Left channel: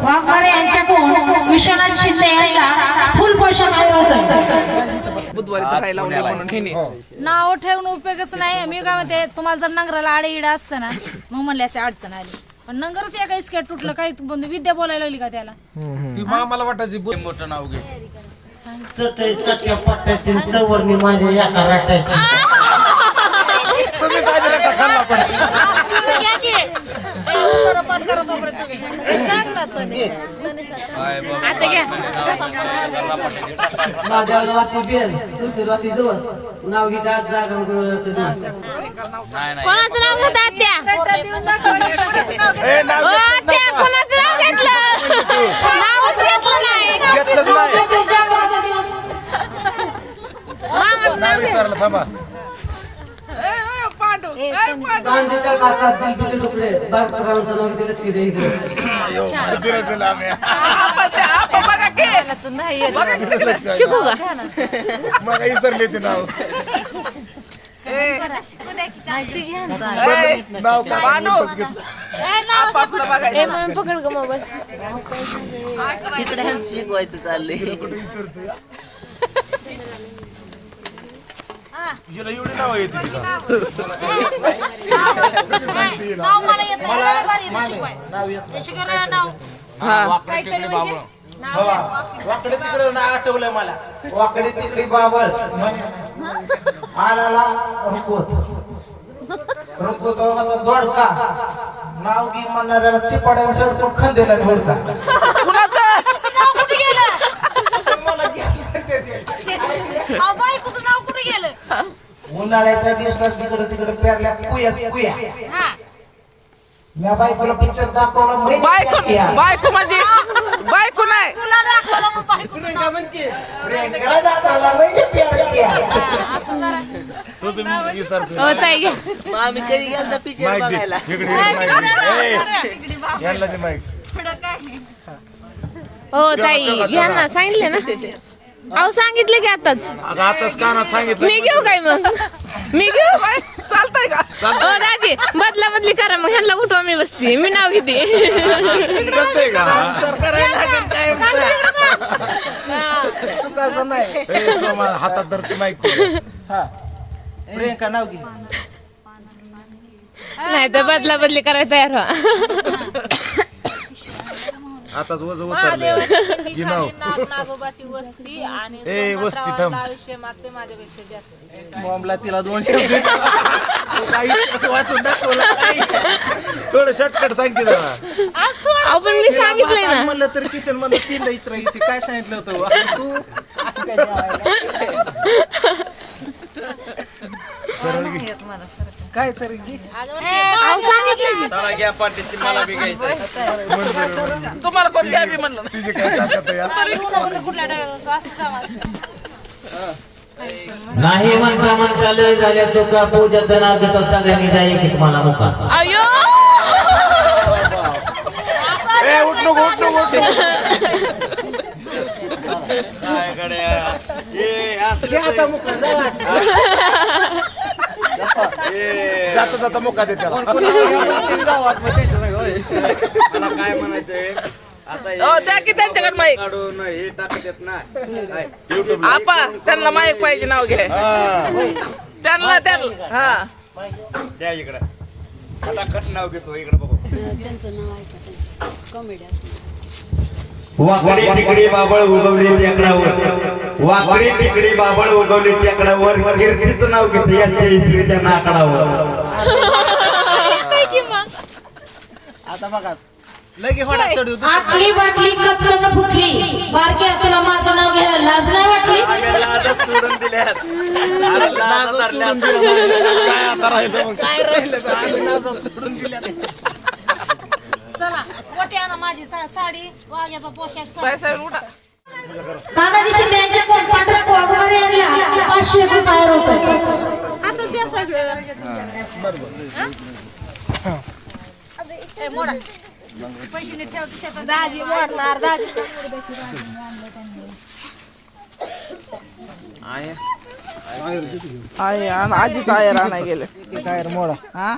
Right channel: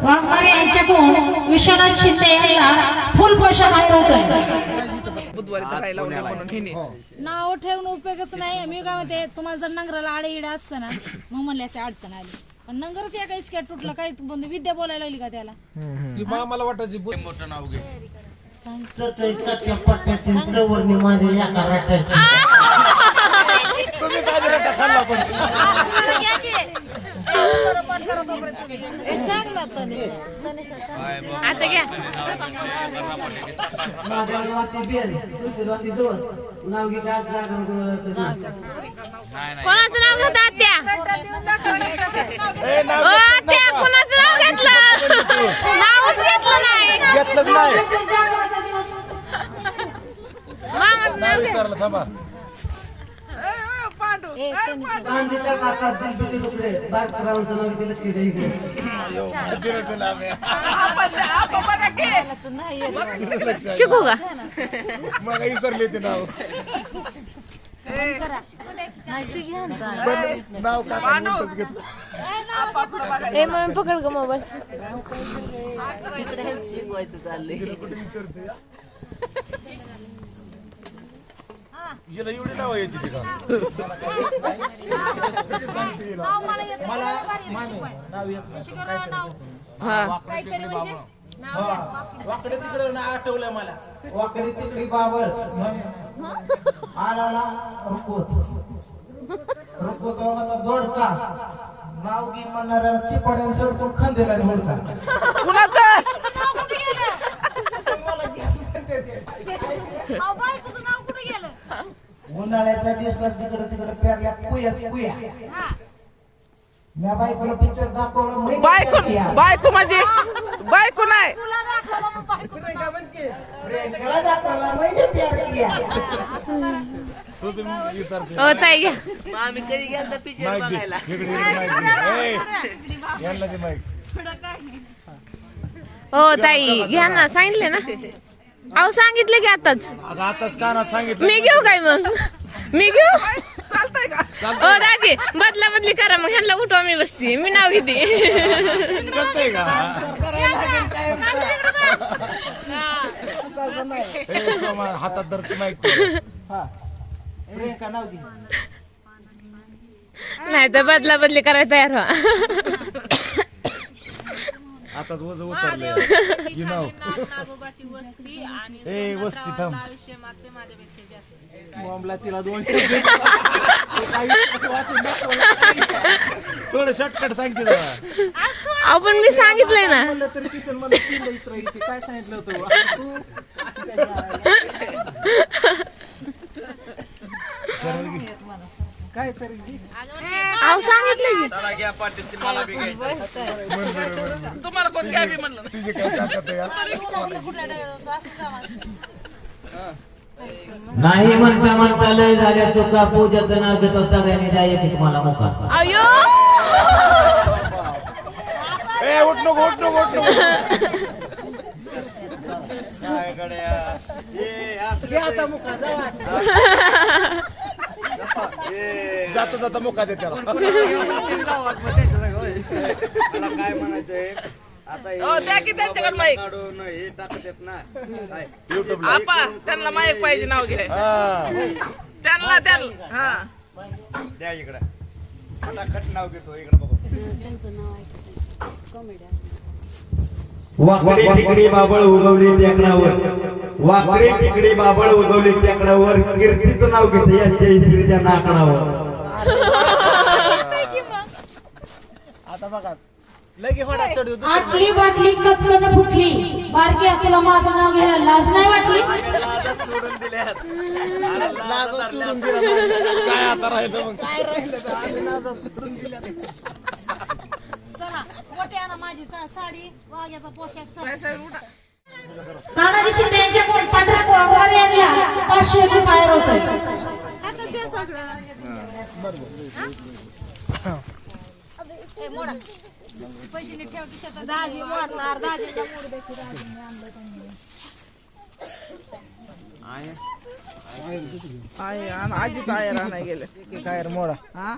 वाघमारे यांच्याकडून विश्वनाथ शिंदे यांना फुल पोशाख बुधवारी तर खायला लावले म्हणून हिने. नाव ठेवून उपयोगच नाही. मी काय म्हणते, तुम्हाला जर नंगराला आडे इडा असतं ना, मग म्हणले असे अडचण आली. पण नंगरच एका इस्केट तुटलं, काही विद्या बोलायला लागली का त्याला? ती मामाला वाटायची मोठं नाव घे. चटया पट्ट्याची सवरणी माझ्या या कराट्याची. तुम्ही काय रट्टा खाल्ला पण. माझ्या गावाची बेल दुसरी गावाची दिवस नाव घेतात जागरण दिवस. कोणाचं नाव घेतात त्या? त्या कोणाचं नाव घेतलं? नावच घेतलं नाही. घेतलंच नाही. नाव विसरलं थांबा. चांदीच्या काकात दिलबिले तुकडे बाळकरावांचं नाव घेतलं लक्ष द्यायचं. शिकू का? मग विसरले ते नाव. नाव पकड ग मोबाईल. शिकवायचं चाललंय. हिला एवढी नाव येते वाकडे तिकडे आठवलंय मला. वाकडे तिकडे बाबळ आला रुपवत दोडका नाव घे म्हणणाऱ्याला चिपाड्याला सडकून खंदेला ढोलका. उन्हाळ्याच्या दिवसात जिकडे तिकडे पेरल्या कुया मी बायकोला पिक्चर दाखवला. बायको म्हणजे बायको नाही. हो ताई घ्या. आम्ही कधी गेलता पिक्चर बघायला. हो ताई घ्या ना, सांगितले ना. अहो सांगितले की आताच. आताच कानात सांगितलं. मी घेऊ काय मग? मी घेऊ. चालतंय का? हो दाजी बदला बदली करा मग. ह्यांना उठवा, मी बसते, मी नाव घेते. करायला लागेल काय हातात धरतो नाही. प्रियंका नाव घे. नाही तर बदला बदली करायला तयार व्हा. आताच वज उतरले की नाव. नागोबाची वस्ती आणि ए वस्ती थांब. आयुष्य मागते माझ्यापेक्षा जास्त. बॉम्बला तिला 200 असं वाचून दाखवलं. थोडं शॉर्टकट सांग की जरा. आपण मी सांगितलं ना. म्हणलं तर किचन मध्ये 3 इतर इथे काय सांगितलं होतं तू काय तरी अहो सांगितलं की. तुम्हाला कोण द्या बी म्हणलं. तिची काय ताकद आहे यार. नाही म्हणता म्हणता लय झाल्या चुका. पूजाचं नाव घेतो सगळ्यांनी द्या एक मला मुका. अयो ए उठ नको उठ नको उठ जाता जाता मुका दे त्याला. काय म्हणायचंय द्या की त्यांच्याकडे माईक. काढून हे टाकत येत ना. आपा त्यांना माईक पाहिजे, नाव घे त्यांना. हा द्या इकडे. खटाखट नाव घेतो इकडे बघू. वाकडी तिकडी बाबळ उगवली टेकडावर. वाकडी तिकडी बाबळ उगवली टेकडावर. कीर्तीचं नाव घेतो यांच्या इस्त्रीच्या नाकडावर. आता बघा लगे होडा चढू. आटली बाटली कचकन फुटली. बारक्या तुला माझं नाव घ्यायला लाज नाही वाटली? लाजच सोडून दिल्यात. नाजच सोडून दिलं. काय राहिलं तर आम्ही नाजच सोडून दिल्या. चला मोठी आणा माझी साडी, वाघ्याचा पोशाख. पैसा उठा. तानाजी शिंदे यांच्याकडून पंढरपूर वाघमारे यांना 500 रुपये होते. मोडा पैसे नीट ठेवा खिशात. दाजी मोडणार. दाजीचा मूड देखील आणलं त्यांनी. आजीच आयर आणाय गेले. टायर मोडा. हा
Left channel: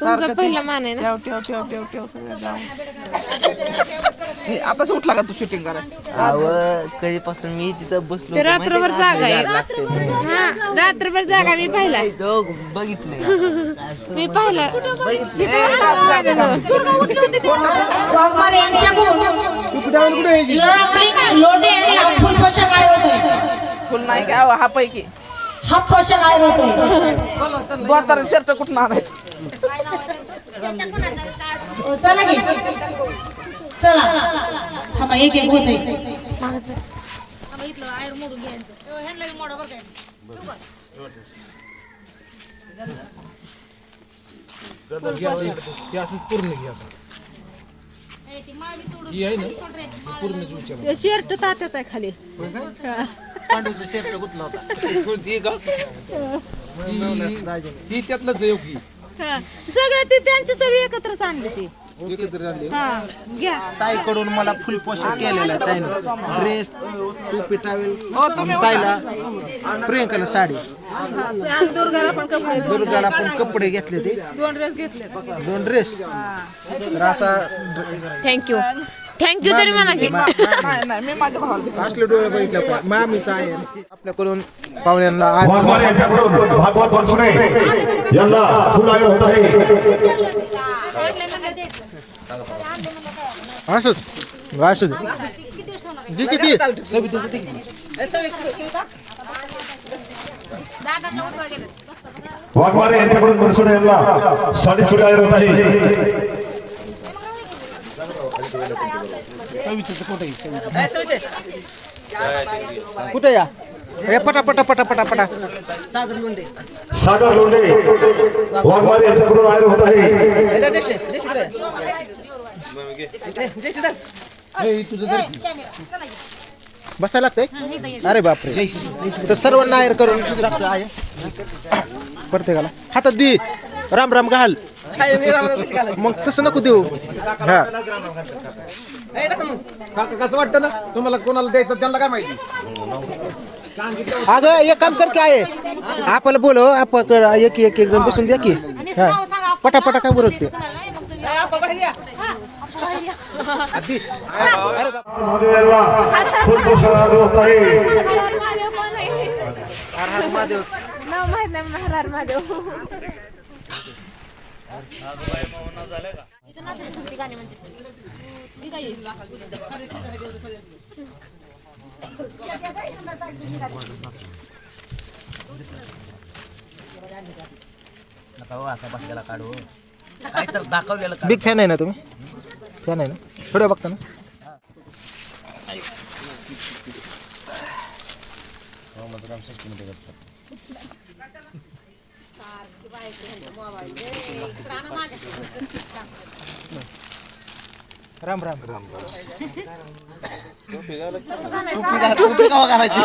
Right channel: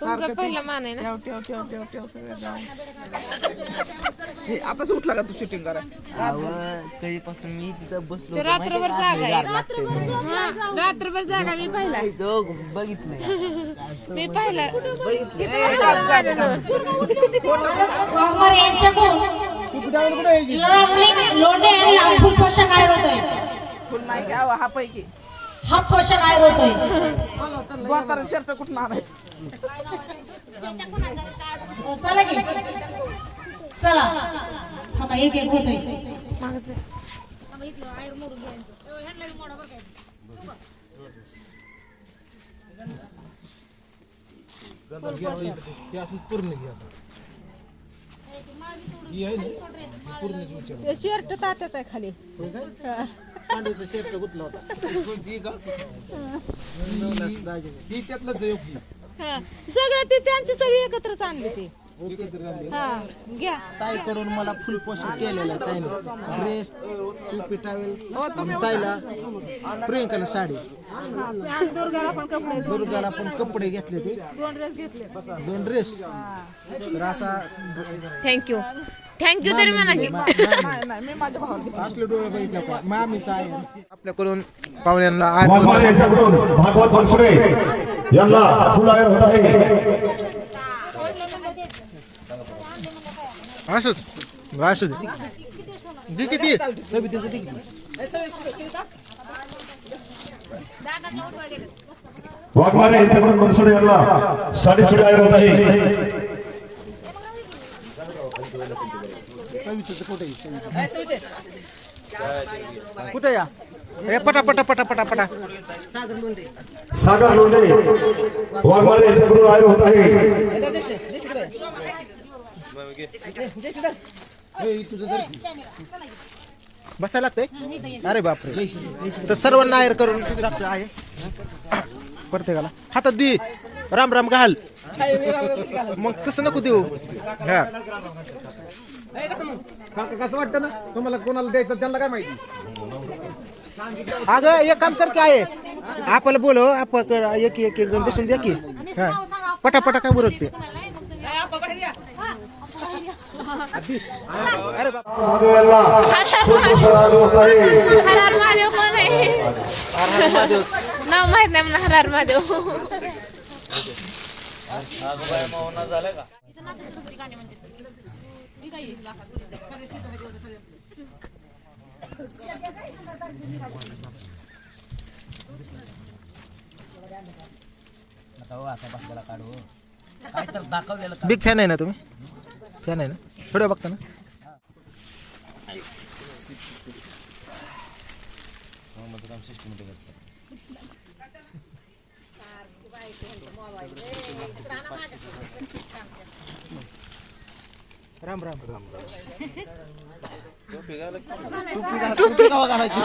तुमचा पहिला मान आहे ना. आता उठला का तू शूटिंग करा कधीपासून मी तिथं बसलो ते रात्रभर जागा आहे. हा रात्रभर जागा मी पाहिला. बघितलं मी पाहिलं. वाघमारे यांच्याकडून लोणे यांना फुल पोषक आयर होतोय. फुल नाही घ्या हा पैकी हा पोषक आयर होतोय. 2 शर्ट कुठून आणायचं हो, चला की चला थांबा एक एक होतोय. इथलं आयर मोडून घ्यायचं ह्यांना बी मोडा बरं काय पूर्ण घ्या शर्ट तात्याच आहे खाली पांडूचा शर्ट कुठला होता ही त्यातलंच आहे की सगळे ते त्यांची सगळी एकत्रच आणली ती एकत्र झाले घ्या ताईकडून मला फुल पोषक केलेला आहे ताईने. ड्रेस टोपी टावेल ताईला प्रियंकाला साडी दुर्गाला पण कपडे घेतले ते 2 ड्रेस घेतले 2 ड्रेस तर असा थँक्यू तरी म्हणा की. मी माझ्या भावाला असले डोळे बघितलं पाहिजे मामीचा आहे आपल्याकडून पाहुण्यांना वाघमारे यांच्याकडून भागवत बनसुडे यांना फुल आयर होत आहे. असंच असू दे किती वाघमारे यांच्याकडून बनसुडे यांना साडी सुडी आयर होत आहे. कुठे या हे पटा सागर लोंढे वाघमारे यांच्याकडून आयर होत आहे. बसायला लागतंय. अरे बापरे तर सर्वांना आयर करून लागतं आहे प्रत्येकाला हातात दे राम राम घाल मग तसं नको देऊ. हा कसं वाटतं ना तुम्हाला कोणाला द्यायचं त्यांना काय माहिती अगं एक काम कर काय आपल्याला बोलो आपण एक एक जण बसून द्या की. हा पटापटा काय बोलत ते अरे बाप हरार महादेव कोण आहे? नाव माहित नाही म्हणा. हरार महादेव बिग फॅन आहे ना तुम्ही? फॅन आहे ना? थोडं बघता ना? राम राम राम टोपी कवा घालायची?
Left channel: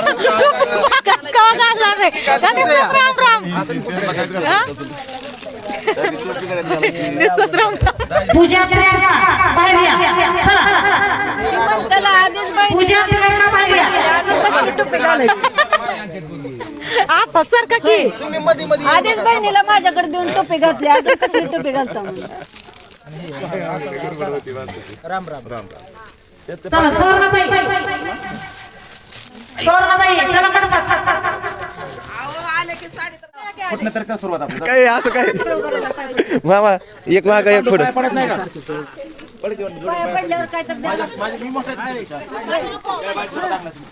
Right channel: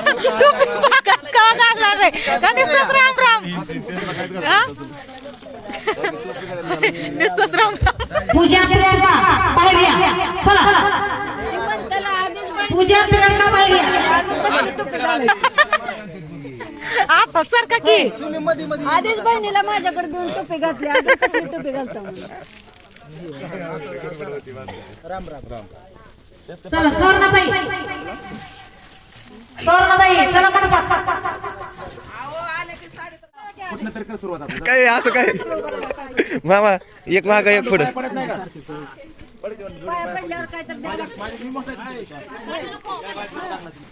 पूजा प्रियंका बाहेर या. चला पूजा प्रियंका बाहेर या. सारखा की तुम्ही मध्ये मध्ये आधीच बहिणीला माझ्याकडे 2 टोपे घातले अजून कसली टोपी घालता राम राम राम चला सुवर्णाताई चला पटपट. काय असं काय मामा एक माग एक पुढे पाया पडल्यावर काय तर द्यावं लागतं.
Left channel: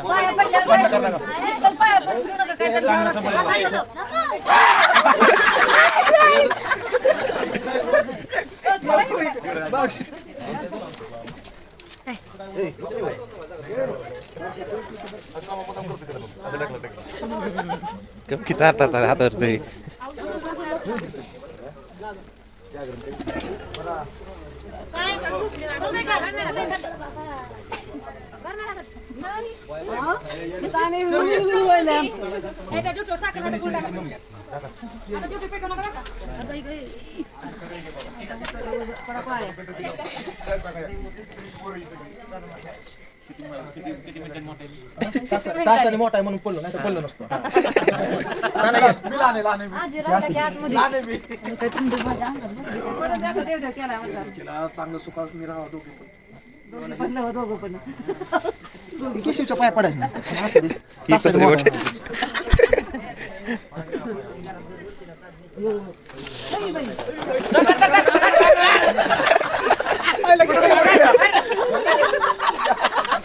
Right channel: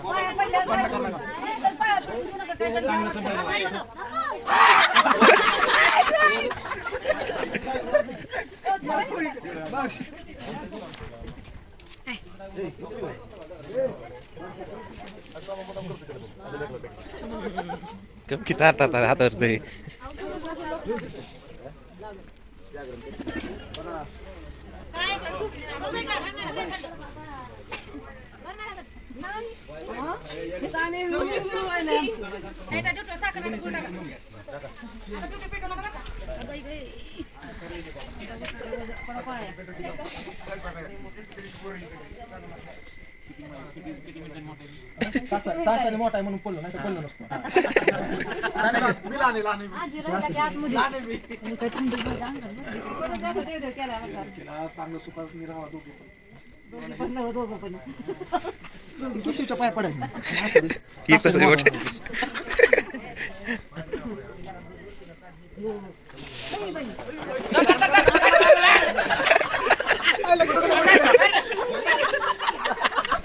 पाया पडल्यावर काय तर पाया पडू नका काय तर द्यावं किती हातावर ते तासाने मोठा आहे म्हणून पडलो नाही तर पडलो नसतो चांगलं सुखास मी राहावं दोघे पण केशवच्या पाया पडायचं नाही असं दे. तासाने मोठा आहे.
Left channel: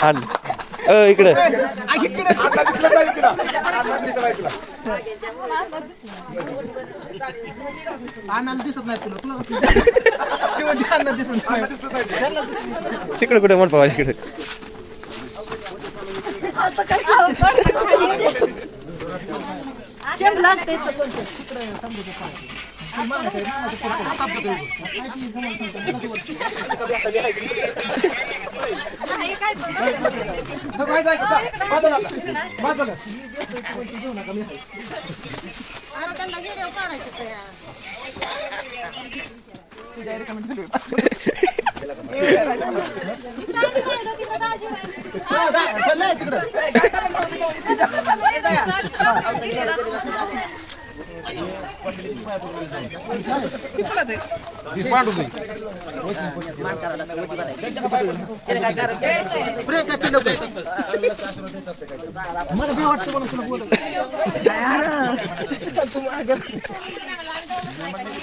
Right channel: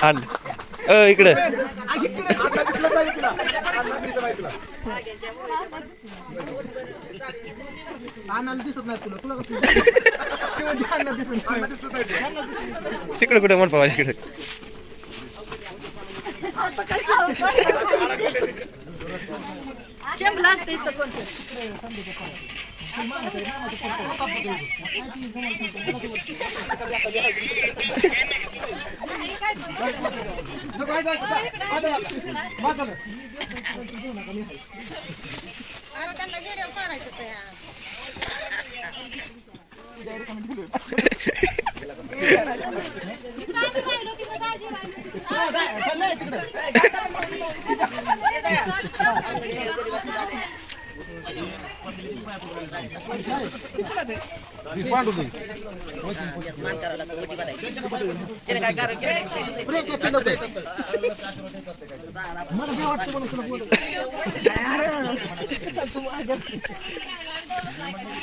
आण इकडे आणायला दिसत नाही तुला आणायला दिसत नाही तिकडे कुठे म्हण पावा इकडे चेंबला असते इथं कोणतं.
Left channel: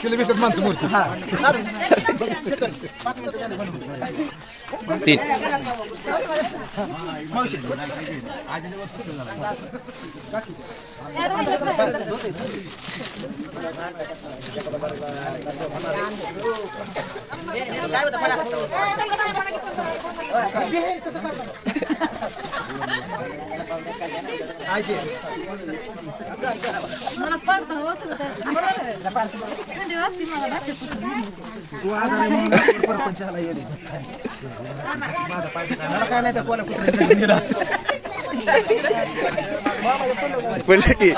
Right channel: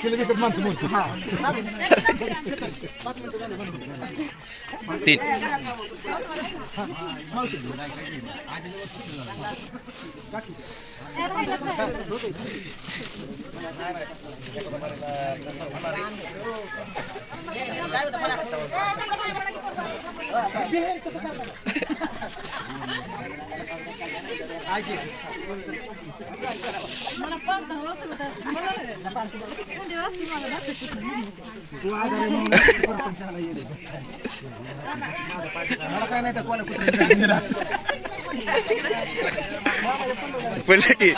किलोमीटर माणसं मोठी तीन मला पडतं होतं का ते? थंडी वाजते मला मला काय नाही त्या कोला पडलं की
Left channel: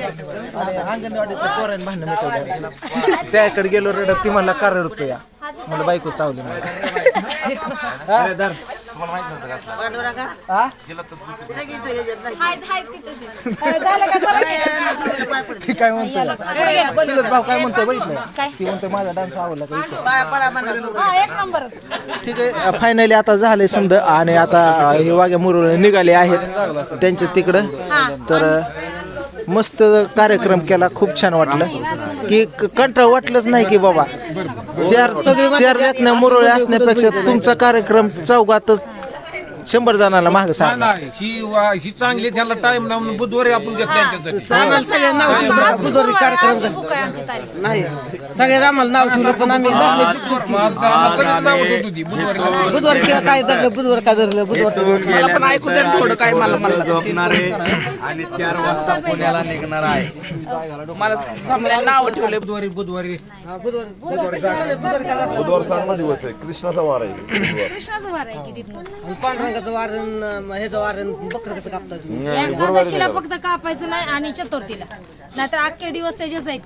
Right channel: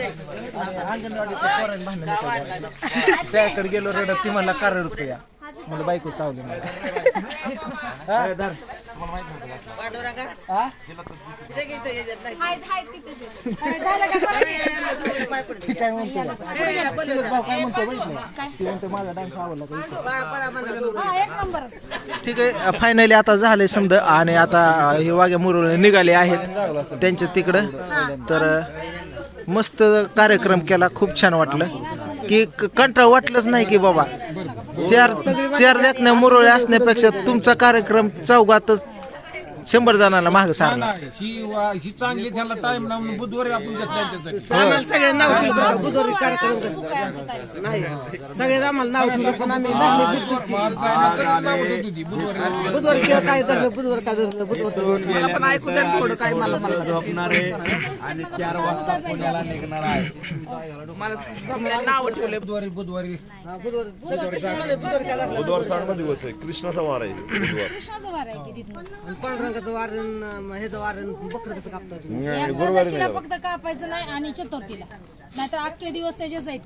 अंगणवाडीच्या पोरांनी भांडण मिटवलं त्याकडे गेलो रडत ती म्हणला का रडतो या मला बायको चावली मला ती काय म्हणतोय चुलत भाऊ काय म्हणतोय बघितलं ती म्हणतोय माझा डान्स आवडला का एक नंबर. ठीक आहे फायनली आता झालंय समजा आणि आता हे वाघ्या मुरळ निघाले आहेत त्यांच्या तिकडं तर मस्त कार्यक्रम केला खूप छान वाटलं की कंटाळ वाटलंच नाही की बाबा चार लेखण्या मुरळे असण्यापेक्षा तुमचा कार्यक्रम चौघातच 100 जणांना माग सांगा ही चांगली त्यांना टाइम लावून बुधवारी आपण घेतो त्यांच्यासाठी बुधवारी कार्यक्रम नाही सगळ्यात आम्हाला नाव ठेवलं पण आम्ही बुधवारी केलं काय धरलं बुधवार काय धरलं बुधवार पण ऐकू द्या थोडं काय मला झोपणारे आणि 4 वाजता पुण्याला निघणार आहे मला नाव ठेवले बुधवारी बुधवारी बुधवार चांगला दिवस आहे कृष्णाचा वार आहे कृष्णाचं वार आहे की तिथनं. पांडुरंगाचं वारण ह्याचं वारण बकरं कसं कापतात एकादशीला फक्त कापायचं नाही आणि चतुर्थीला नाहीतर अख्खे दिवस त्याच्याच आहेत